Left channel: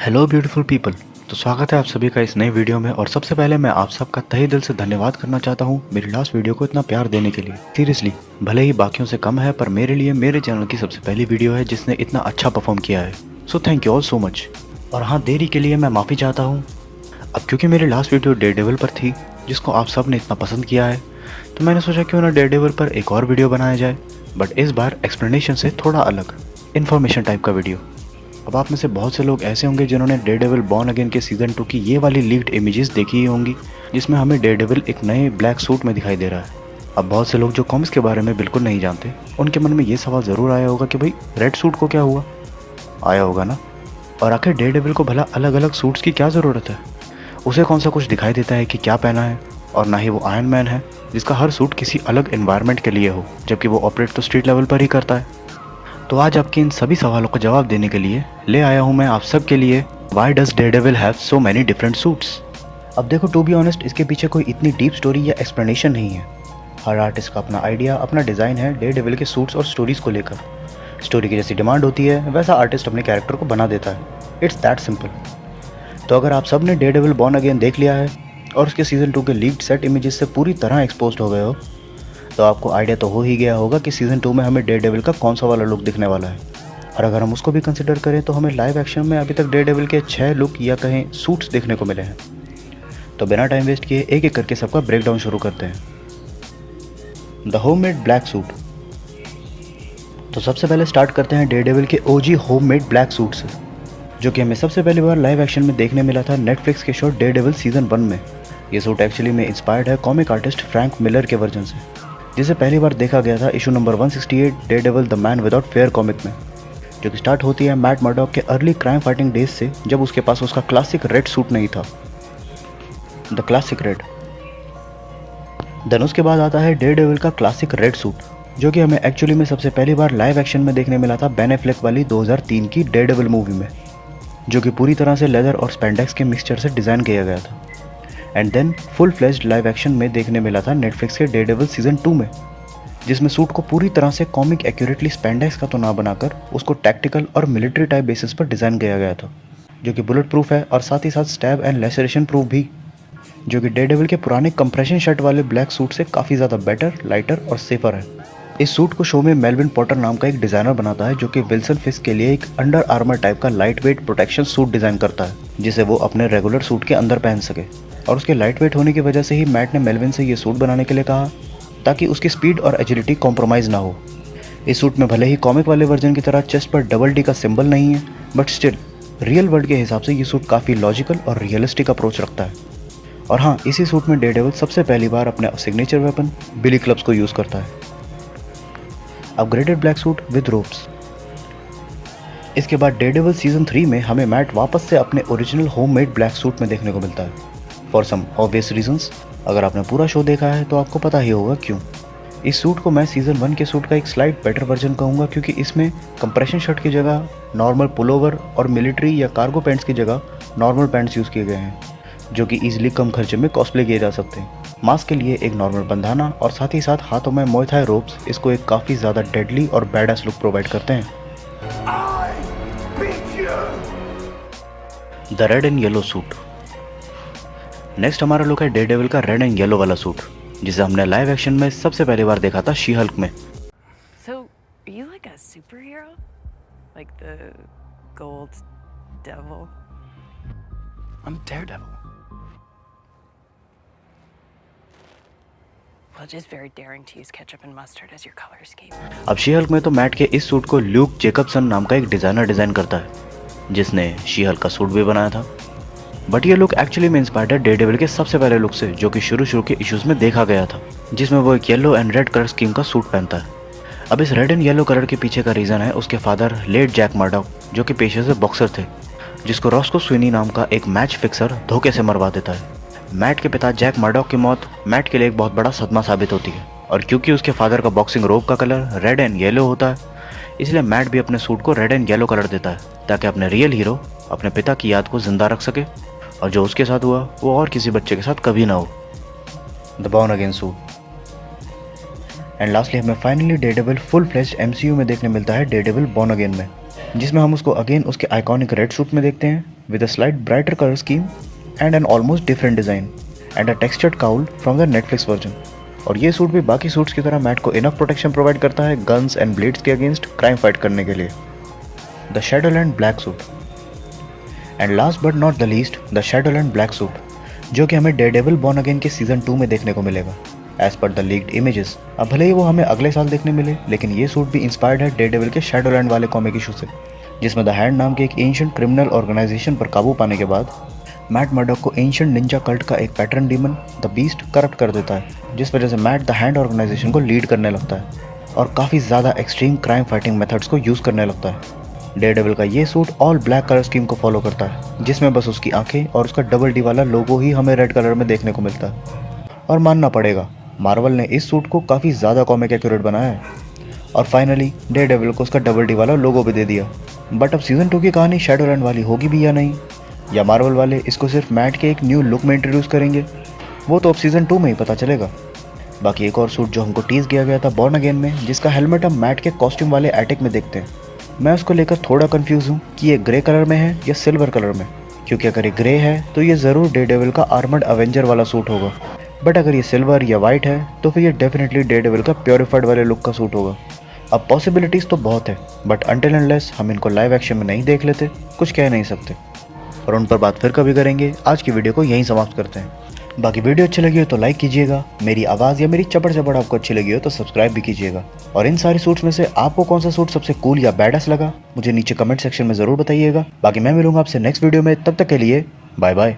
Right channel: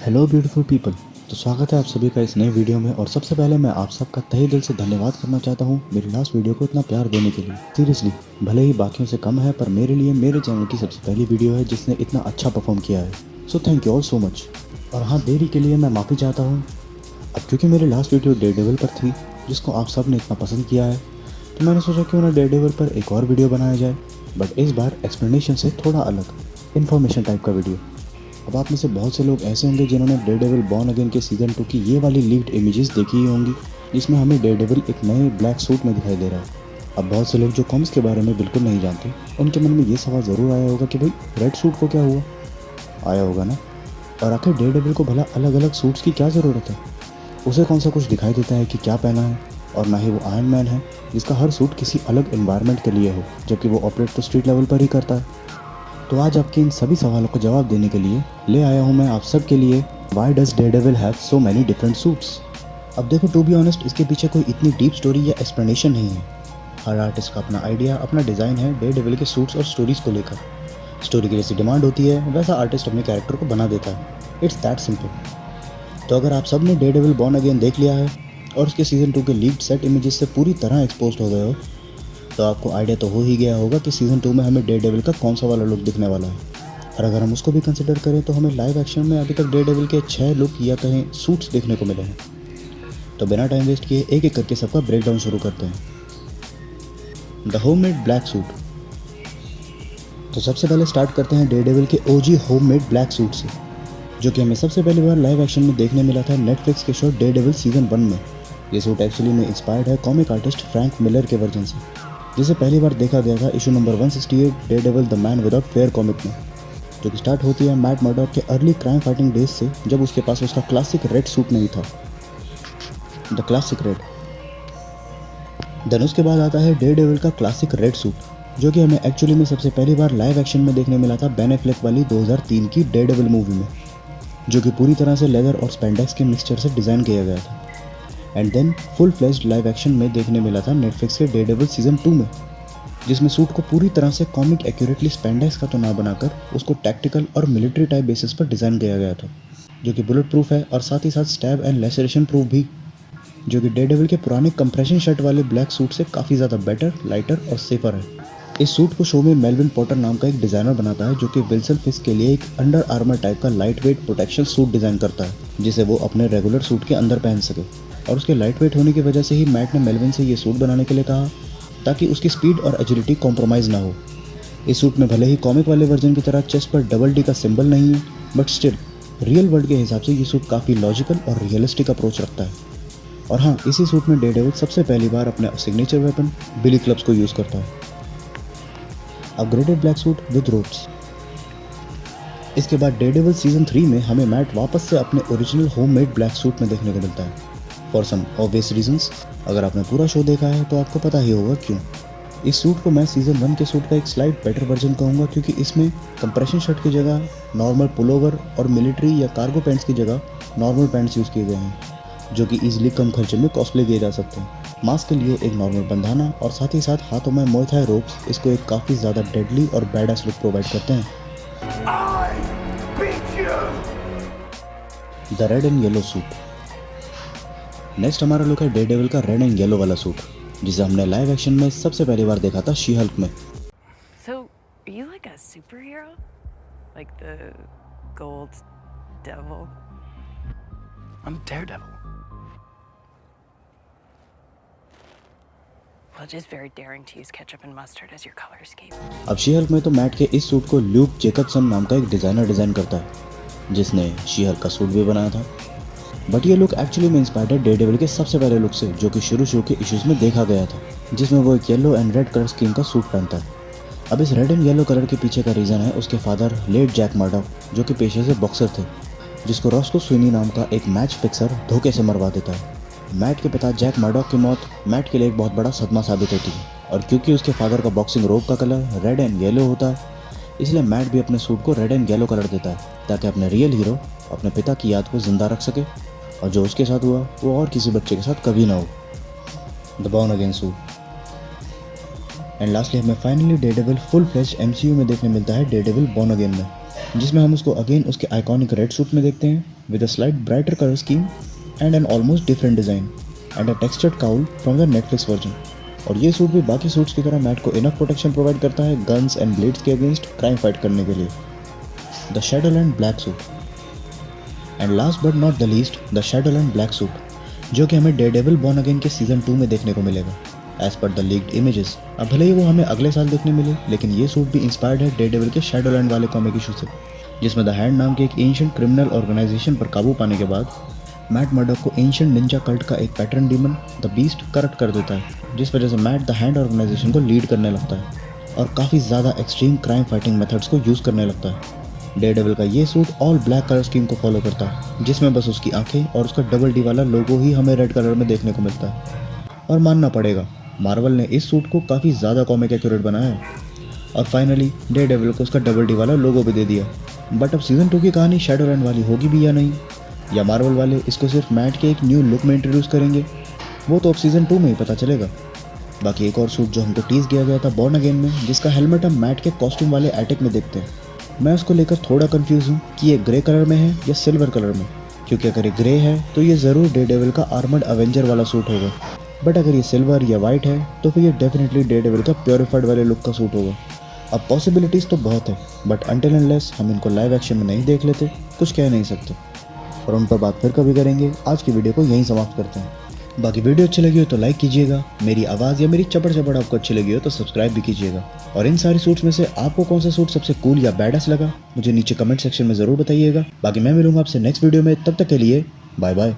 Hello beautiful people. तो स्वागत है आप सभी का इस नए वीडियो में। और सबसे पहले मैं आप सबका तहे दिल से धन्यवाद करना चाहता हूँ मेरी लास्ट वीडियो को इतना प्यार देने के लिए। सीरियसली, भले ही बाकियों से कम है पर मेरे लिए मेरे चैनल की सबसे पहली वीडियो है जिसने इतना अच्छा परफॉर्म किया है। So thank you all so much. और हाँ, देरी के लिए मैं माफ़ी चाहता हूँ। अब क्योंकि मेरी लास्ट वीडियो डेयरडेविल पर थी जिसको आप सब ने इतना पसंद किया है, तो मैंने सोचा क्यों ना डेयरडेविल पर एक और वीडियो बनाया जाए, बट इस बार एक्सप्लेनेशन से थोड़ा अलग, इन्फॉर्मेशन टाइप का वीडियो। अब आप में से बहुत से लोग ऐसे होंगे जिन्होंने डेयरडेविल बॉर्न अगेन के सीज़न 2 की ये वाली लीक्ड इमेजेस देखी ही होंगी जिसमें हमें डेयरडेविल एक नए ब्लैक सूट में दिखाई दे रहा है। अब बहुत से लोग जो कॉमिक्स के बारे में बिल्कुल नहीं जानते, उनके मन में ये सवाल ज़रूर आया होगा कि भाई रेड सूट को क्या हुआ। आया होगा ना। और आखिर डेयरडेविल को भला अलग अलग सूट्स की क्या ज़रूरत है? उसे कौन सा कुछ दिखाई देता है कि क्या पहना है? और ना ही वो आयरन मैन है जिसका हर सूट किसी अलग एनवायरनमेंट के लिए हो, जबकि वो ऑपरेट तो स्ट्रीट लेवल पर ही करता है। तो आज आपके इन सभी सवालों का जवाब देने के लिए ले आया हूँ मैं आप सब के लिए why does Daredevil have so many different suits. अब देखो, टू बी ऑनेस्ट, इसके पीछे कोई इतनी डीप स्टोरी या एक्सप्लेनेशन नहीं है। हर आर्टिस्ट का अपना आइडिया, अपना डिज़ाइन है डेयरडेविल के सूट्स और स्टोरीज़ को लेकर। स्टोरी की जैसी डिमांड होती है वैसा आर्टिस्ट अपने कैरेक्टर को बना देता है। It's that simple. तो अगर आप सब ने डेयरडेविल बॉर्न अगेन देख लिया है और उसके सीज़न 2 के लीक्ड सेट इमेजेस से पूरी तरह एक्सपोज हो गए हो, तो आपको आइडिया तो हो ही गया होगा कि सीज़न 2 में हमें डेयरडेविल का कौन सा वाला लुक दिखने वाला है। और अगर हम उसको भी कंसिडर करें तो हमें लाइव एक्शन में अभी तक डेयरडेविल के 6 लुक या कहें सूट्स देखने को मिले हैं। तो बिना टाइम वेस्ट किए एक एक करके सबका ब्रेकडाउन शुरू करते हैं। The homemade black suit. तो सबसे पहले स्टार्ट करते हैं डेयरडेविल के ओजी होममेड ब्लैक सूट से, जो कि हमें सबसे पहली बार लाइव एक्शन में देखने मिला था नेटफ्लिक्स के शो डेयरडेविल सीज़न 1 में। ये सूट एक्चुअली में इंस्पायर्ड है कॉमिक आर्टिस्ट फ्रैंक मिलर के वर्जन से, जिसे पहली बार देखा गया था issue number 168 Daredevil the man without fair comic में, जो कि स्टार्ट होती है मैट मर्डॉक के अर्ली क्राइम फाइटिंग डेज से, जब उसके पास उसका क्लासिक रेड सूट नहीं था, द क्लासिक रेड। देन उसके बाद आता है डेयरडेविल का क्लासिक रेड सूट, जो कि हमें एक्चुअली में सबसे पहली बार लाइव एक्शन में देखने मिला था बेन एफ्लेक वाली 2003 की डेयरडेविल मूवी में, जो कि पूरी तरह से लेदर और स्पेंडेक्स के मिक्सचर से डिज़ाइन किया गया था। And then full fledged live action में देखने मिला था नेटफ्लिक्स के डेयरडेविल सीज़न 2 में, जिसमें सूट को पूरी तरह से कॉमिक एक्यूरेटली स्पेंडेक्स का तो ना बनाकर उसको टैक्टिकल और मिलिट्री टाइप बेसिस पर डिज़ाइन किया गया था, जो कि बुलेट प्रूफ है और साथ ही साथ स्टैब एंड लेसरेशन प्रूफ भी, जो कि डेयरडेविल के पुराने कंप्रेशन शर्ट वाले ब्लैक सूट से काफ़ी ज़्यादा बेटर, लाइटर और सेफर है। इस सूट को शो में मेल्विन पॉटर नाम का एक डिज़ाइनर बनाता है, जो कि विल्सन फिस्क के लिए एक अंडर आर्मर टाइप का light weight protection suit design करता है, जिसे वो अपने रेगुलर सूट के अंदर पहन सके। और उसके लाइट वेट होने की वजह से ही मैट ने मेल्विन से ये सूट बनाने के लिए कहा, ताकि उसकी स्पीड और एजिलिटी कॉम्प्रोमाइज़ ना हो। इस सूट में भले ही कॉमिक वाले वर्जन की तरह चेस्ट पर डबल डी का सिंबल नहीं है, बट स्टिल रियल वर्ल्ड के हिसाब से ये सूट काफ़ी लॉजिकल और रियलिस्टिक अप्रोच रखता है। और हाँ, इसी सूट में डेयरडेविल सबसे पहली बार अपने सिग्नेचर वेपन बिली क्लब्स को यूज़ करता है। Upgraded black suit with ropes. इसके बाद डेयरडेविल सीज़न 3 में हमें मैट वापस से अपने ओरिजिनल होममेड ब्लैक सूट में देखने को मिलता है, फॉर सम ऑब्वियस रीजंस। अगर आपने पूरा शो देखा है तो आपको पता ही होगा क्यों। इस सूट को मैं सीज़न 1 के सूट का एक स्लाइट बेटर वर्जन कहूँगा, क्योंकि इसमें कंप्रेशन शर्ट की जगह नॉर्मल पुलोवर और मिलिट्री या कार्गो पैंट्स की जगह नॉर्मल पैंट्स यूज़ किए गए हैं, जो कि ईजिली कम खर्चे में कॉस्प्ले किए जा सकते हैं। मास्क के लिए एक नॉर्मल बंधाना और साथ ही साथ हाथों में मुay थाई रोप्स इसको एक काफ़ी ज़्यादा डेडली और बैडास लुक प्रोवाइड करते हैं। The red and yellow suit. Next हमारा लुक है डेयरडेविल का रेड एंड येलो वाला सूट, जिसे हमने लाइव एक्शन में सबसे पहली बार देखा था शी हल्क में। So, are you like a superhero? Like the Gold Devil? I'm Daredevil. Well, just very daring to use ketchup and mustard as your color scheme. अब शी हल्क में तो mat के इस सूट को Luke Jacobson नाम का एक designer design करता है, जिसने शी हल्क का सूट भी बनाया था। बट ये लुक एक्चुअली में इंस्पायर्ड है डेयरडेविल के सबसे पहले लुक से, जो कि शुरू के इश्यूज़ में देखा गया था, जिसमें वो एक yellow and red colour scheme का सूट पहनता है। अब इस रेड एंड येलो कलर के पीछे का रीज़न है उसके फादर लेट जैक मर्डॉक, जो कि पेशे से बॉक्सर थे, जिसको रॉस्को स्विनी नाम का एक मैच फिक्सर धोखे से मरवा देता है। मैट के पिता जैक मर्डॉक की मौत मैट के लिए एक बहुत बड़ा सदमा साबित होती है, और क्योंकि उसके फादर का बॉक्सिंग रोब का कलर रेड एंड येलो होता है, इसलिए मैट भी अपने सूट को रेड एंड येलो कलर देता है, ताकि अपने रियल हीरो अपने पिता की याद को जिंदा रख सके, और जो उसके साथ हुआ वो और किसी बच्चे के साथ कभी ना हो। The born again suit. And lastly हमें finally Daredevil full fledged MCU में देखने मिलता है डेयरडेविल बॉर्न अगेन में, जिसमें हम उसको अगेन उसके आइकॉनिक रेड सूट में देखते हैं with a slight brighter colour scheme and an almost different design and a textured cowl from the Netflix version. और ये सूट भी बाकी सूट्स की तरह मैट को इनफ प्रोटेक्शन प्रोवाइड करता है गन्स एंड ब्लेड्स के अगेंस्ट क्राइम फाइट करने के लिए। The Shadowland black suit and last but not the least the Shadowland black suit, जो कि हमें डेयरडेविल बॉर्न अगेन के सीजन 2 में देखने को मिलेगा as per the leaked images. अब भले ही वो हमें अगले साल देखने मिले, लेकिन ये सूट भी इंस्पायर्ड है डेयरडेविल के शैडोलैंड वाले कॉमिक इशू से, जिसमें द हैंड नाम के एक एंशिएंट क्रिमिनल ऑर्गेनाइजेशन पर काबू पाने के बाद मैट मर्डॉक को एंशिएंट निंजा कल्ट का एक pattern demon the beast corrupt कर देता है, जिस वजह से मैट द हैंड ऑर्गेनाइजेशन को लीड करने लगता है और काफ़ी ज़्यादा एक्सट्रीम क्राइम फाइटिंग मेथड्स को यूज़ करने लगता है। डेयरडेविल का ये suit all black colour scheme को फॉलो करता है, जिसमें बस उसकी आंखें और उसका डबल डी वाला लोगो ही हमें रेड कलर में देखने को मिलता है। और मानना पड़ेगा मार्वल ने इस सूट को काफ़ी ज़्यादा कॉमिक एक्यूरेट बनाया है और फाइनली डेयरडेविल को उसका डबल डी वाला लोगो भी दे दिया। बट अब सीजन 2 की कहानी शैडोलैंड वाली होगी भी या नहीं, या मार्वल वाले इसको सिर्फ मैट के एक न्यू लुक में इंट्रोड्यूस करेंगे, वो तो अब सीजन 2 में ही पता चलेगा। बाकी एक और सूट जो हमको टीज किया गया था बॉर्न अगेन में, जिसका हेलमेट हम मैट के कॉस्ट्यूम वाले एटिक में देखते हैं, मैं उसको लेकर थोड़ा कंफ्यूज हूँ कि ये ग्रे कलर में है या सिल्वर कलर में, क्योंकि अगर ये ग्रे है तो ये ज़रूर डेयरडेविल का आर्मर्ड अवेंजर वाला सूट होगा, बट अगर ये सिल्वर या वाइट है तो फिर ये डेफिनेटली डेयरडेविल का प्योरीफाइड वाले लुक का सूट होगा। अब पॉसिबिलिटीज़ तो बहुत है, बट अनटिल अनलेस हम इनको लाइव एक्शन में नहीं देख लेते कुछ कह नहीं सकते, और उन पर बात फिर कभी करेंगे। आज की वीडियो को यहीं समाप्त करते हैं। बाकी वीडियो अच्छी लगी हो तो लाइक कीजिएगा, मेरी आवाज़ या मेरी चपड़ चपड़ आपको अच्छी लगी हो तो सब्सक्राइब भी कीजिएगा, और इन सारे सूट्स में से आपको कौन सा सूट सबसे कूल या बैडस लगा मुझे नीचे कमेंट सेक्शन में ज़रूर बताइएगा। बाकी मैं मिलूंगा आपसे नेक्स्ट वीडियो में, तब तक के लिए बाय बाय।